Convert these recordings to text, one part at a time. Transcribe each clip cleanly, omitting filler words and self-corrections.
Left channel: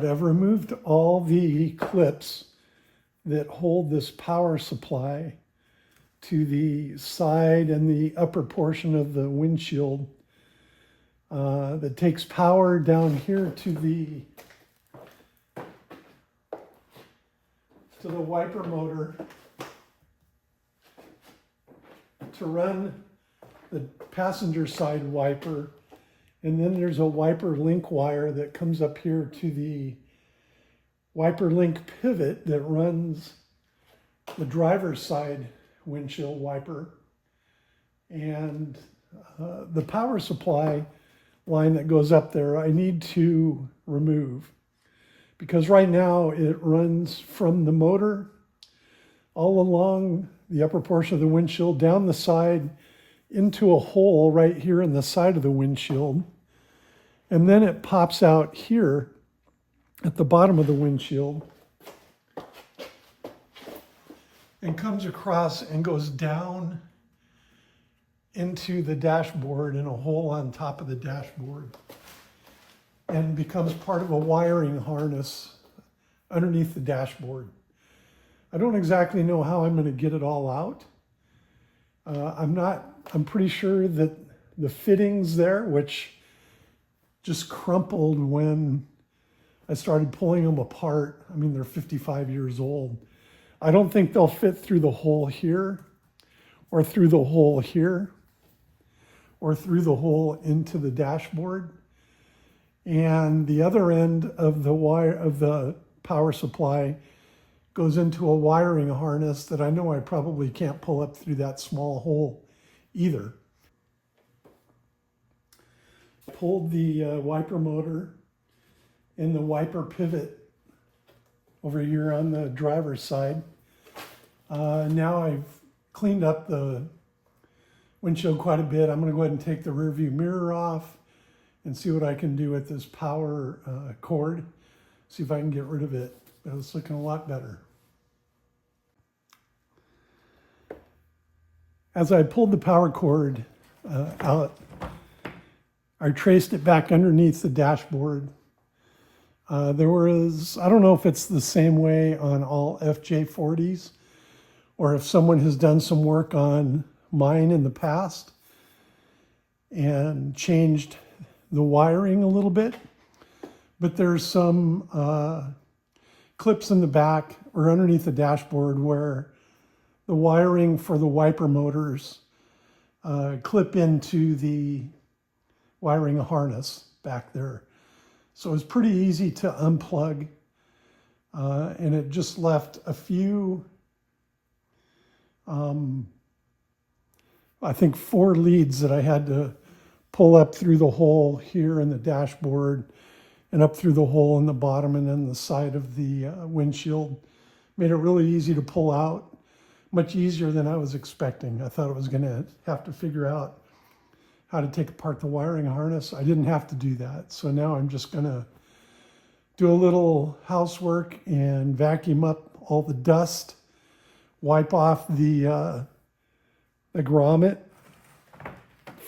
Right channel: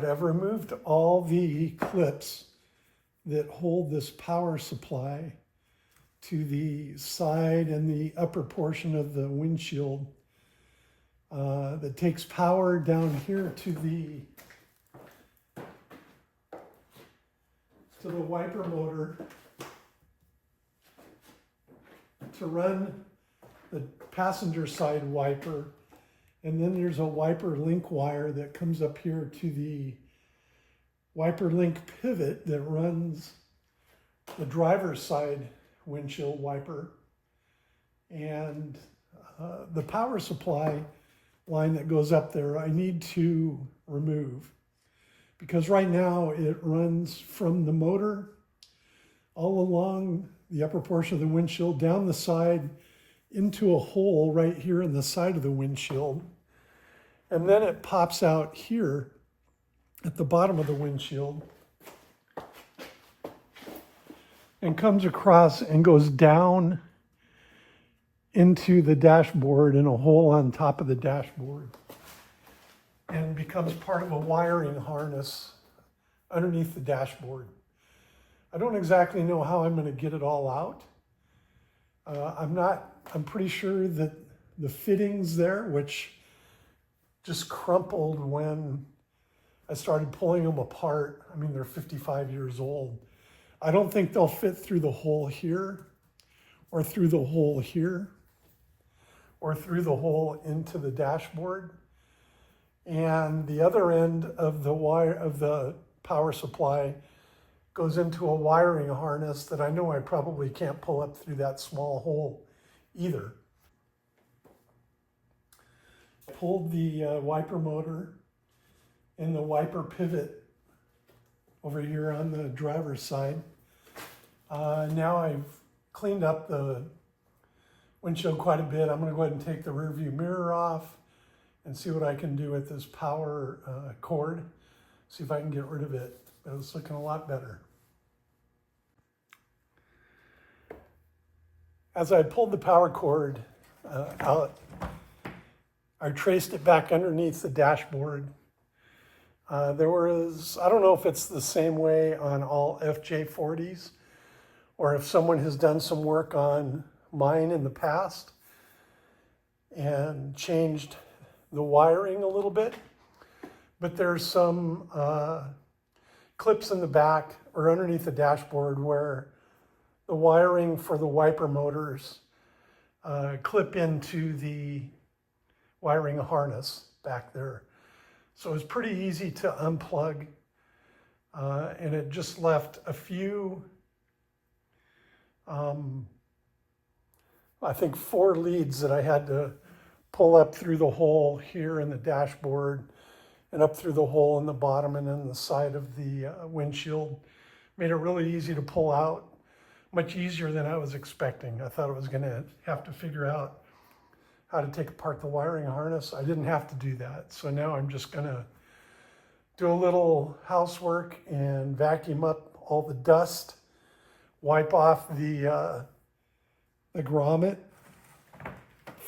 right, I've removed all the clips that hold this power supply to the side and the upper portion of the windshield that takes power down here to the wiper motor to run the passenger side wiper. And then there's a wiper link wire that comes up here to the wiper link pivot that runs the driver's side windshield wiper. And the power supply line that goes up there, I need to remove, because right now it runs from the motor all along the upper portion of the windshield, down the side, into a hole right here in the side of the windshield. And then it pops out here at the bottom of the windshield and comes across and goes down into the dashboard in a hole on top of the dashboard and becomes part of a wiring harness underneath the dashboard. I don't exactly know how I'm going to get it all out. I'm pretty sure that the fittings there, which just crumpled when I started pulling them apart. I mean, they're 55 years old. I don't think they'll fit through the hole here, or through the hole here, or through the hole into the dashboard. And the other end of the wire of the power supply goes into a wiring harness that I know I probably can't pull up through that small hole either. I pulled the wiper motor in the wiper pivot over here on the driver's side. Now I've cleaned up the windshield quite a bit. I'm going to go ahead and take the rear view mirror off and see what I can do with this power cord. See if I can get rid of it. It's looking a lot better. As I pulled the power cord out, I traced it back underneath the dashboard. There was, I don't know if it's the same way on all FJ40s or if someone has done some work on mine in the past and changed the wiring a little bit, but there's some clips in the back or underneath the dashboard where the wiring for the wiper motors clip into the wiring harness back there. So it's pretty easy to unplug, and it just left a few, I think 4 leads that I had to pull up through the hole here in the dashboard and up through the hole in the bottom and then the side of the windshield. Made it really easy to pull out, much easier than I was expecting. I thought I was going to have to figure out how to take apart the wiring harness. I didn't have to do that. So now I'm just going to do a little housework and vacuum up all the dust, wipe off the grommet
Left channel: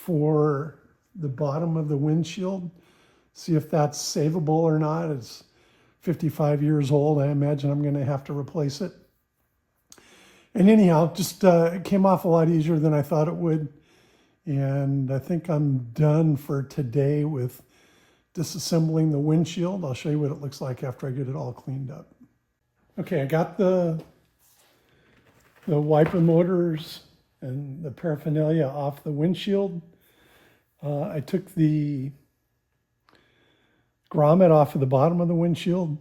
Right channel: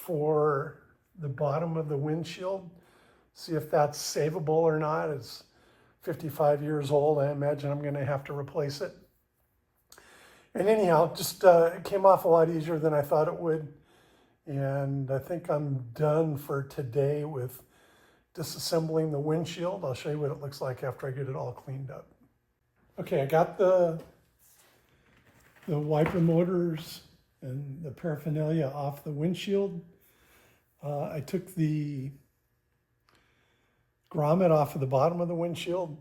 for the bottom of the windshield, see if that's savable or not. It's 55 years old. I imagine I'm going to have to replace it. And anyhow, just it came off a lot easier than I thought it would. And I think I'm done for today with disassembling the windshield. I'll show you what it looks like after I get it all cleaned up. Okay, I got the wiper motors and the paraphernalia off the windshield. I took the grommet off of the bottom of the windshield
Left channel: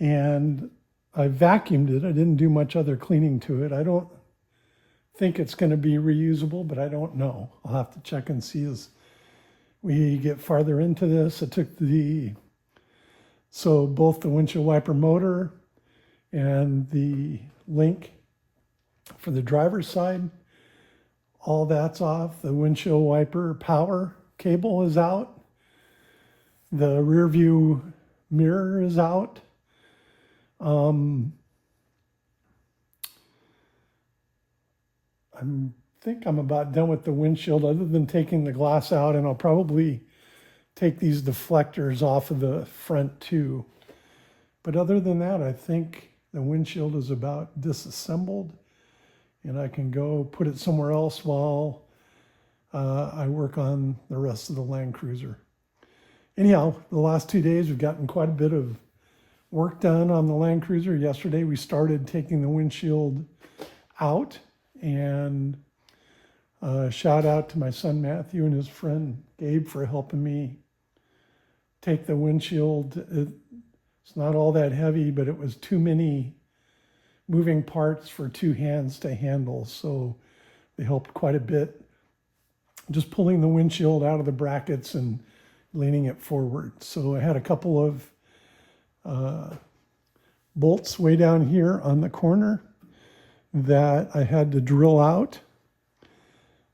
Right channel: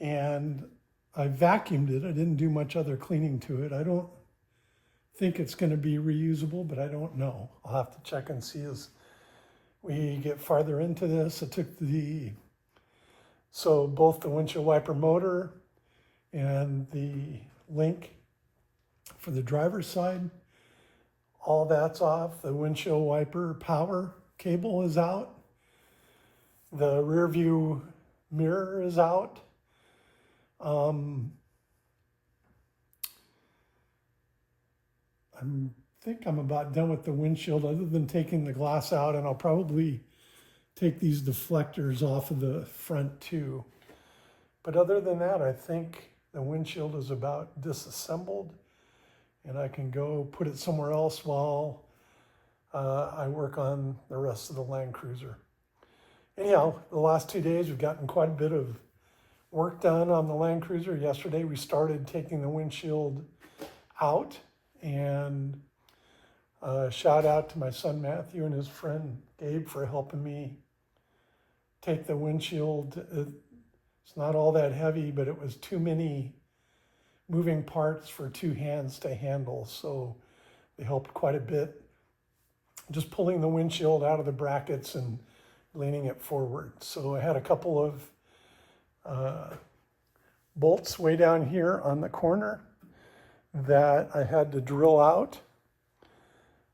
and I vacuumed it. I didn't do much other cleaning to it. I don't think it's going to be reusable, but I don't know. I'll have to check and see as we get farther into this. I took both the windshield wiper motor and the link for the driver's side, all that's off. The windshield wiper power cable is out. The rear view mirror is out. I think I'm about done with the windshield other than taking the glass out, and I'll probably take these deflectors off of the front too. But other than that, I think the windshield is about disassembled, and I can go put it somewhere else while I work on the rest of the LandCruiser. Anyhow, the last 2 days we've gotten quite a bit of work done on the LandCruiser. Yesterday we started taking the windshield out, and shout out to my son Matthew and his friend Gabe for helping me take the windshield. It's not all that heavy, but it was too many moving parts for 2 hands to handle, so they helped quite a bit. Just pulling the windshield out of the brackets and leaning it forward. So I had a couple of bolts way down here on the corner that I had to drill out.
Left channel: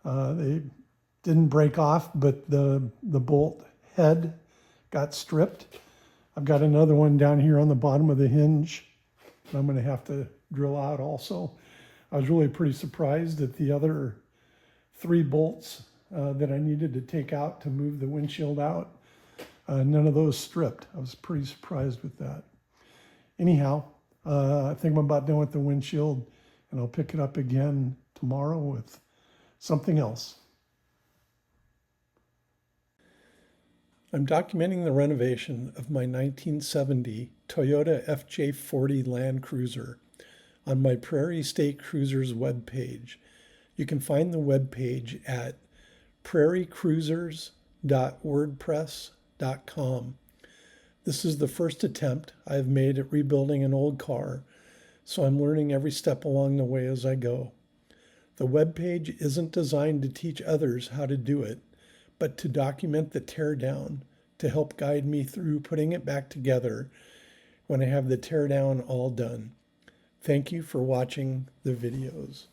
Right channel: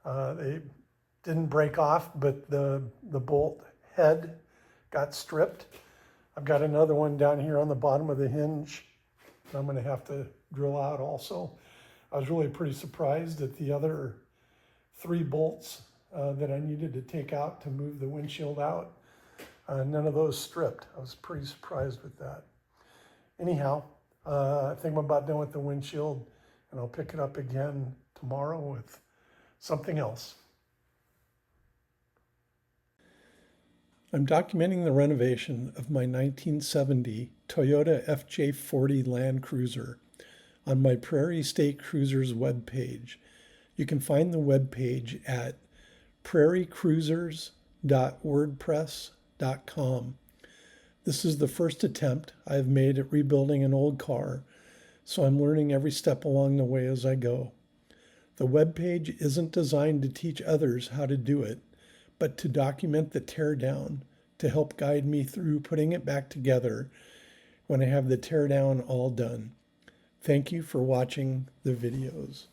They didn't break off, but the bolt head got stripped. I've got another one down here on the bottom of the hinge I'm going to have to drill out also. I was really pretty surprised at the other 3 bolts that I needed to take out to move the windshield out. None of those stripped. I was pretty surprised with that. Anyhow, I think I'm about done with the windshield, and I'll pick it up again tomorrow with something else. I'm documenting the renovation of my 1970 Toyota FJ40 LandCruiser on my Prairie State Cruisers webpage. You can find the webpage at prairiecruisers.wordpress.com. This is the first attempt I have made at rebuilding an old car, so I'm learning every step along the way as I go. The webpage isn't designed to teach others how to do it, but to document the teardown to help guide me through putting it back together when I have the teardown all done. Thank you for watching the videos.